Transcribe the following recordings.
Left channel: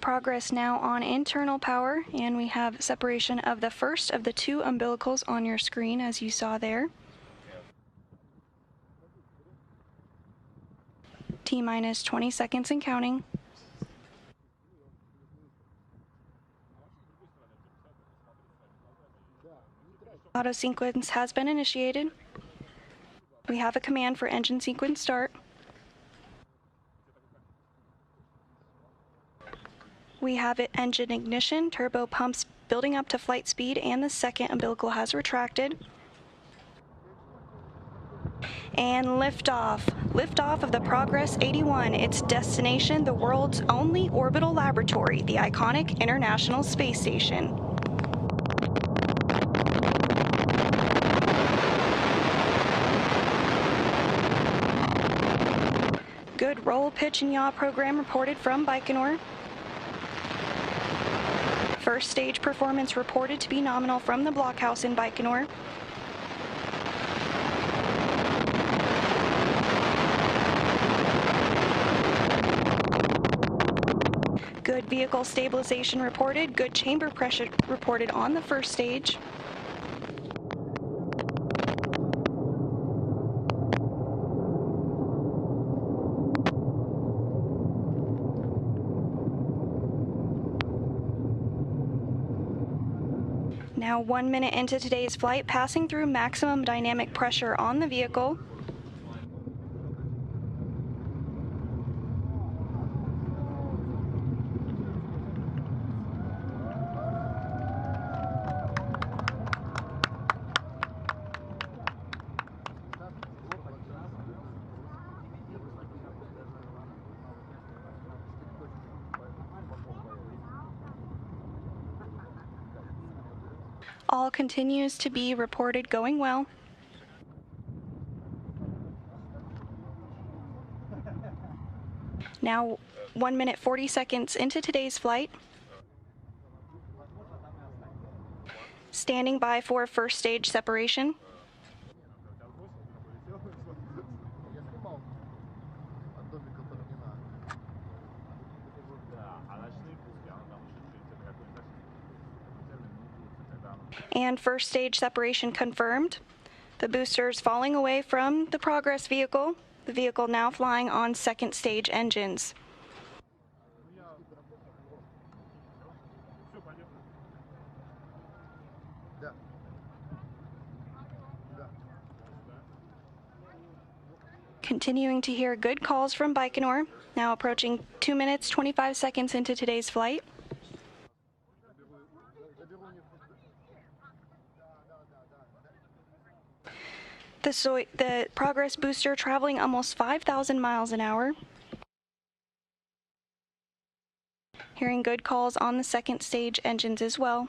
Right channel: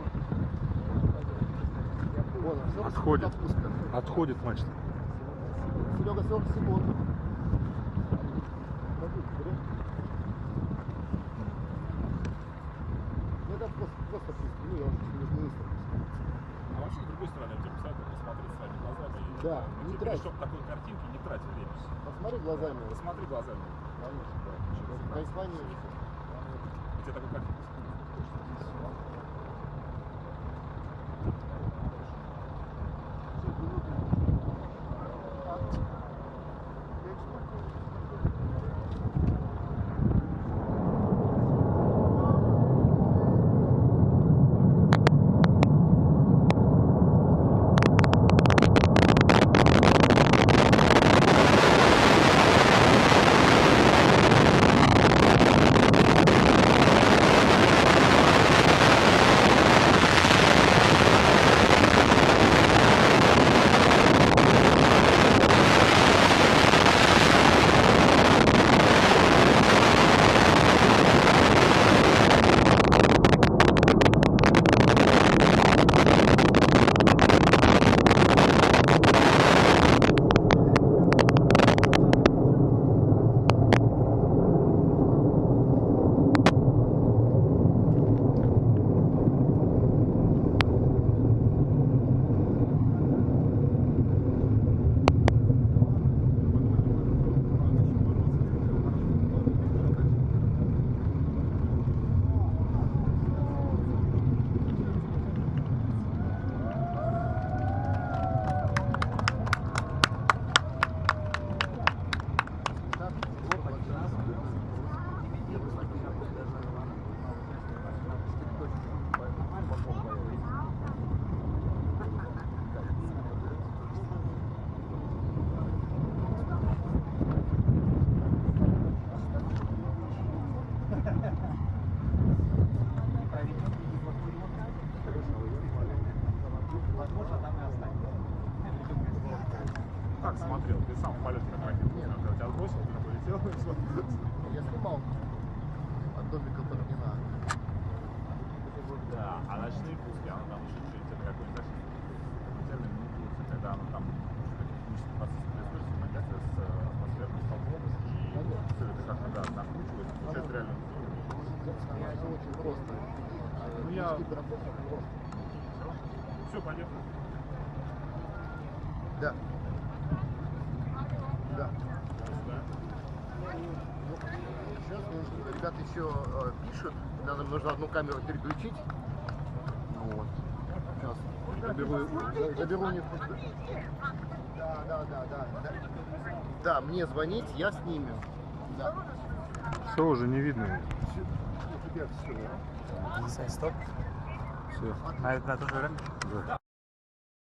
Progress now on internal power, and we have separation of the first of the two umbilicals on your screen, as you saw there. T-minus 20 seconds and counting. Auto sequence has been initiated. We have a command for engine sequence start. We have it engine ignition, turbo pumps building up to flight speed, and the second umbilical has retracted. And liftoff. Liftoff of the Progress 81. Its destination, the world's only orbital laboratory, the iconic International Space Station. Now 1 minute into today's flight, passing through maximum dynamic pressure on the vehicle. All continues to be reported going well. Now 1 minute 40 seconds into today's flight. Standing by for first stage separation. And first stage separation confirmed. The boosters falling away from the Progress vehicle. The vehicle now flying on second stage engines. Continuing to hear good calls from Baikonur. Now approaching 2 minutes 25 seconds into today's flight. The Progress booster traveling almost 5,000 miles an hour. Hearing good calls on the second stage engines as well.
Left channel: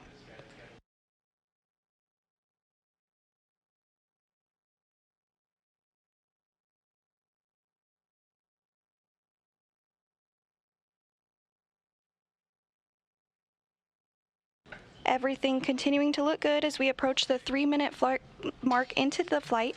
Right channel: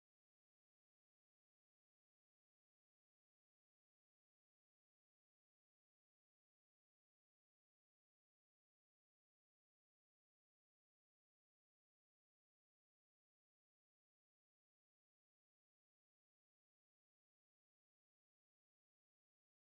Everything continuing to look good as we approach the 3-minute mark into the flight.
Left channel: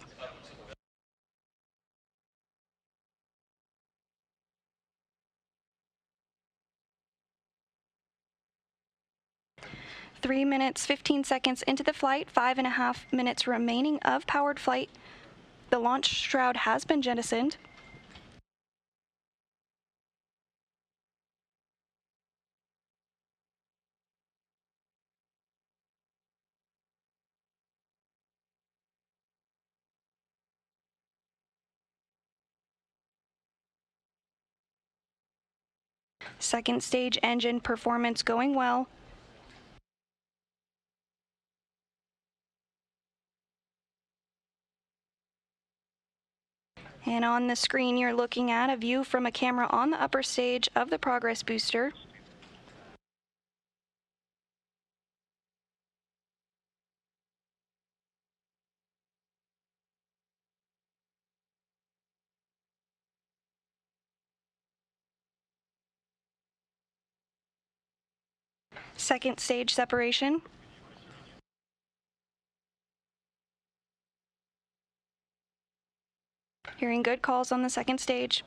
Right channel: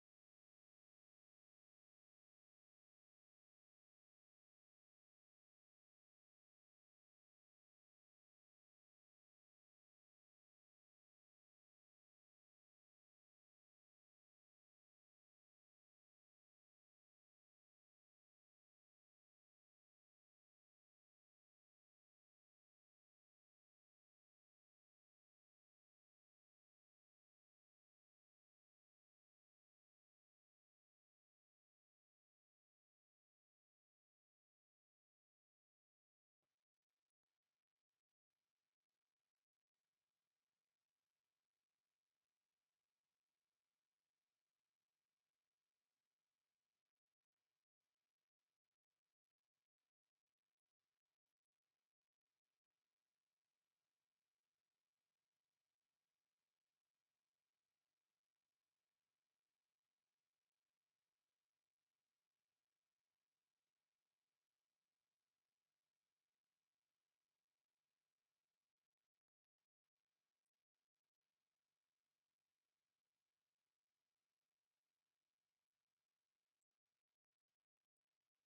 Three minutes, 15 seconds into the flight, 5.5 minutes remaining of powered flight. The launch shroud has been jettisoned. Second stage engine performance going well. And on the screen, you're looking at a view from a camera on the upper stage of the Progress booster. Second stage separation. Hearing good calls on the second stage.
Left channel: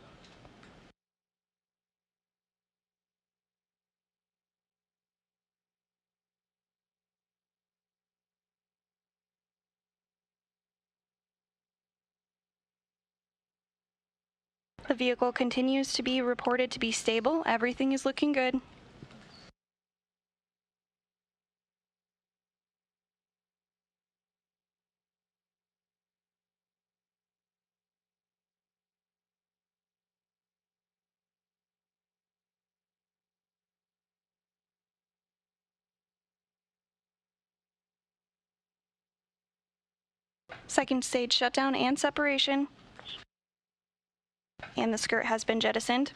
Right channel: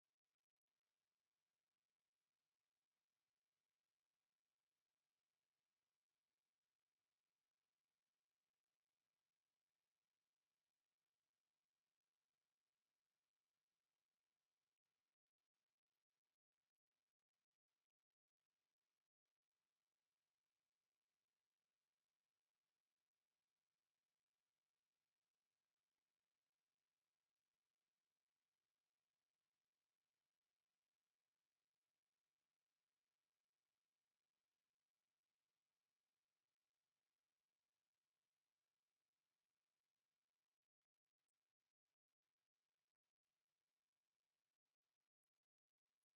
The vehicle continues to be reported to be stable. Everything is looking good. Second stage shutdown and separation. And the skirt has been jettisoned.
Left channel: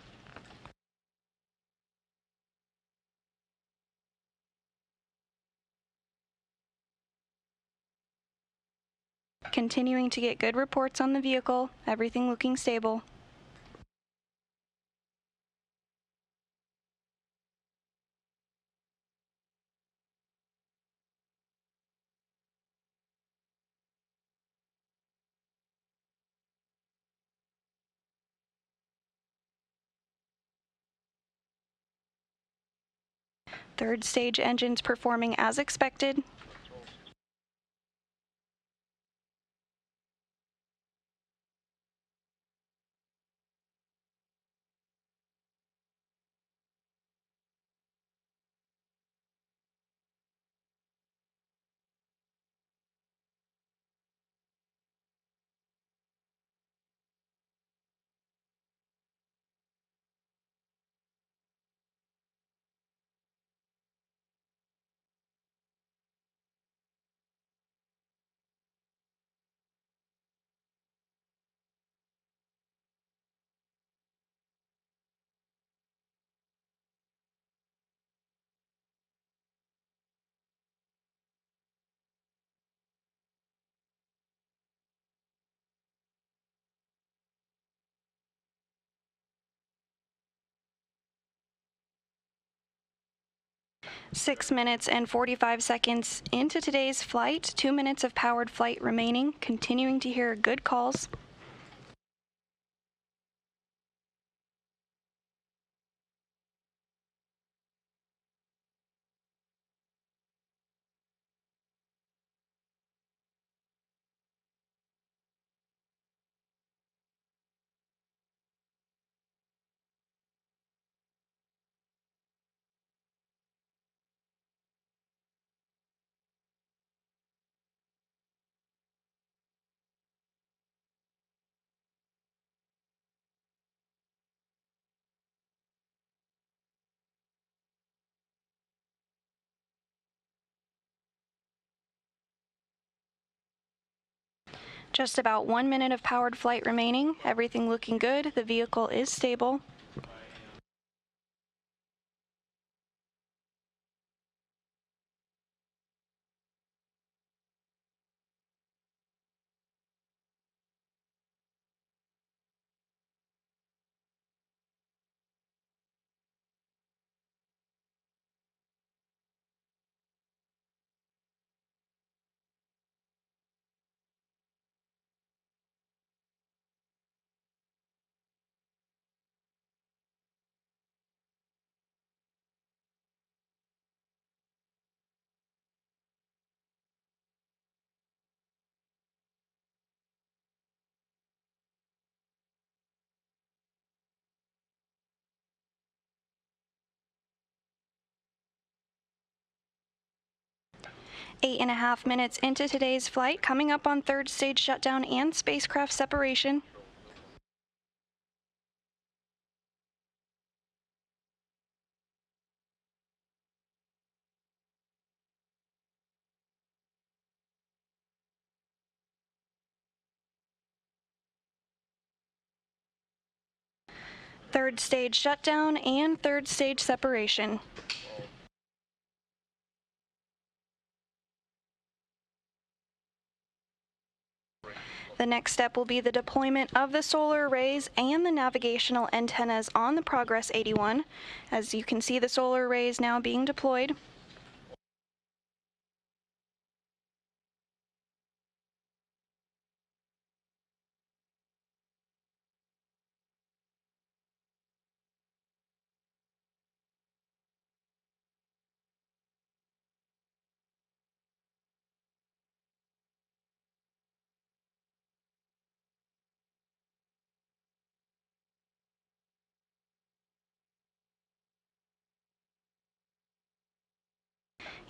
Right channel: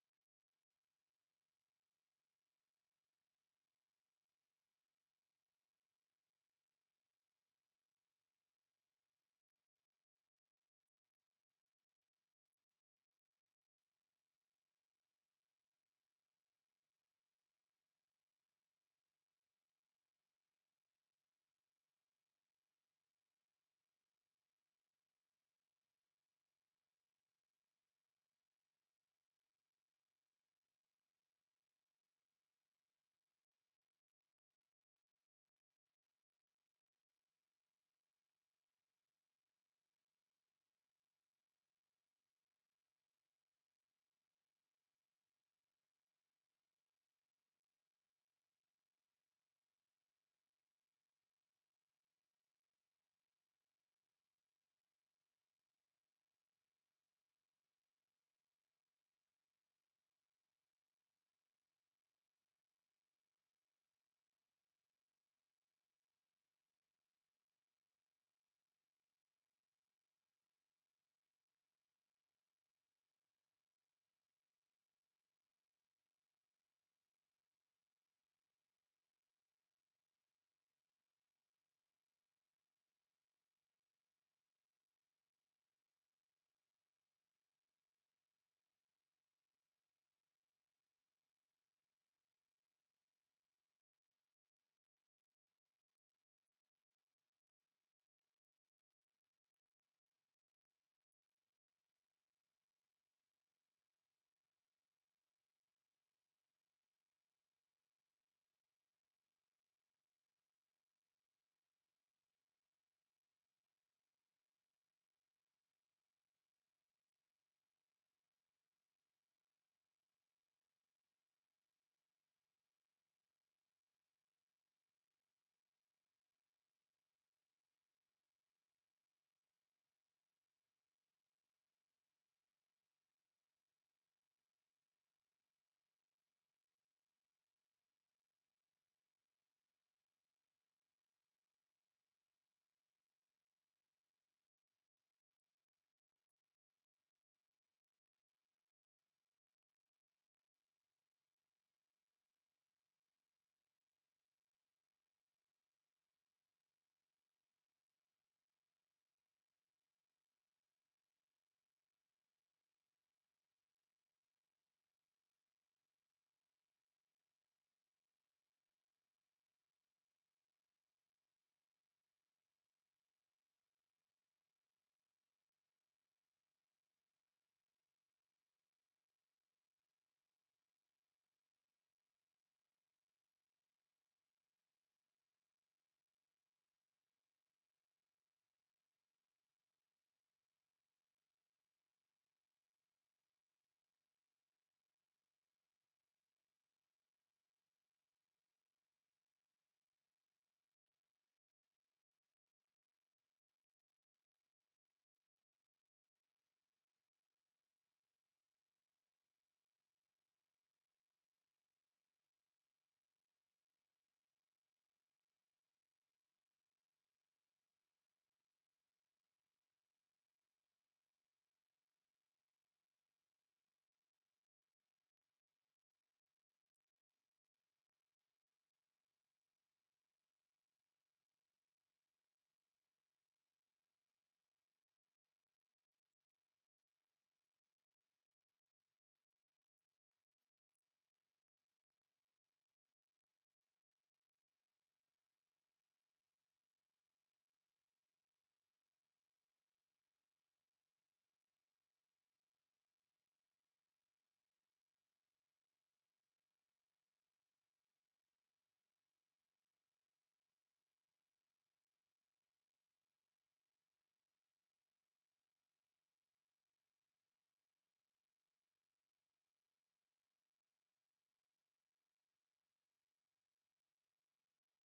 Continuing to get good reports on the vehicle, everything looking stable. Third stage engines performing as expected. Six minutes and 45 seconds into today's flight, 2 minutes of powered flight remaining, continuing to hear good calls. Just about 1 minute of powered flight remaining, everything looking good, the vehicle is stable. Eight and a half minutes into today's flight, coming up on third stage shutdown and spacecraft separation. Third stage shutdown and third stage separation. The next step will be the deployment of the solar arrays and the navigational antennas on the Progress 81. As you can see, the solar arrays now being deployed.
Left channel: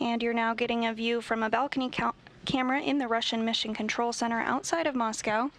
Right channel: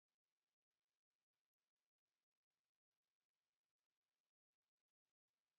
And you're now getting a view from a balcony camera in the Russian Mission Control Center outside of Moscow.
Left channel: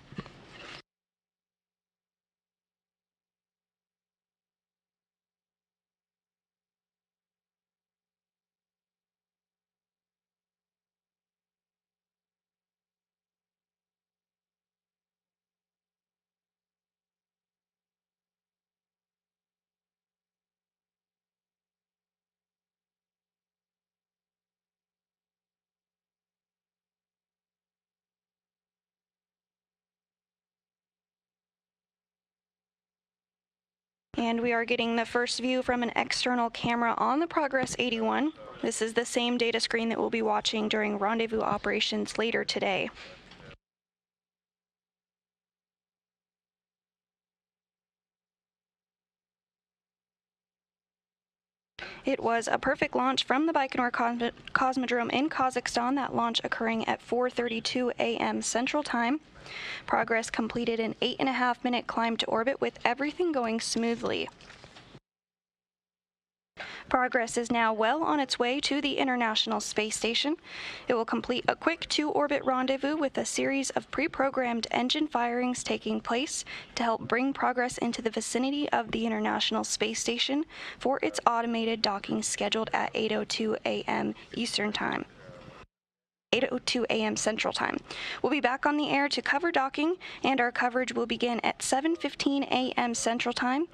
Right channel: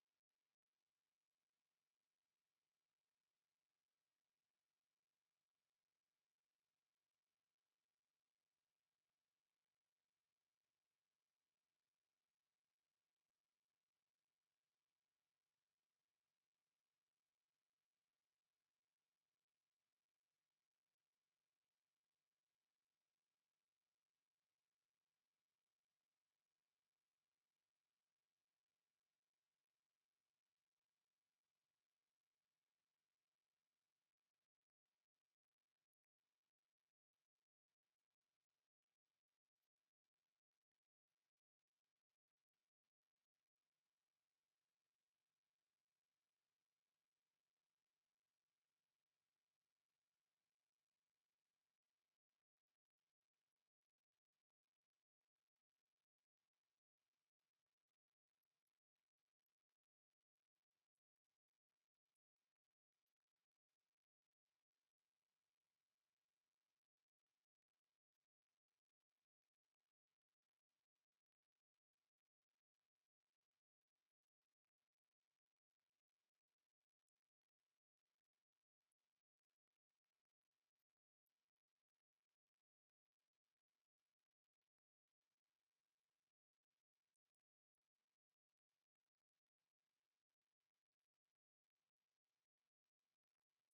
And we are getting the first view from an external camera on the Progress 81. This is the same data screen that we'll be watching during rendezvous operations later today. It was a perfect launch from the Baikonur Cosmodrome in Kazakhstan, that launch occurring at 4:32 a.m. Central Time. Progress completed an 8.5-minute climb to orbit with everything going smoothly. Progress is now well on its way to the International Space Station. It will complete a quick 2-orbit rendezvous with a series of pre-programmed engine firings taking place to help bring Progress into the vicinity of the International Space Station for its automated docking scheduled at 8:02 a.m. Eastern Time. 8:02 a.m. Central Time. We'll be back on the air to cover docking, and our coverage will begin at 7:15 a.m. Central Time,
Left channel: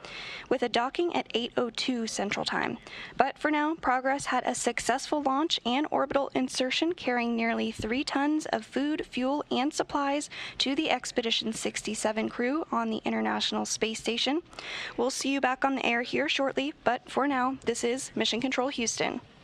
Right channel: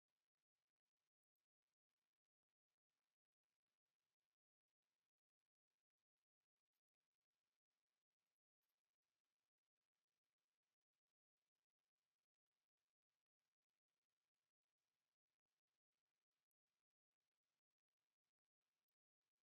with a docking at 8:02 Central Time. But for now, Progress had a successful launch and orbital insertion carrying nearly 3 tons of food, fuel, and supplies to the Expedition 67 crew on the International Space Station. We'll see you back on the air here shortly, but for now, this is Mission Control Houston.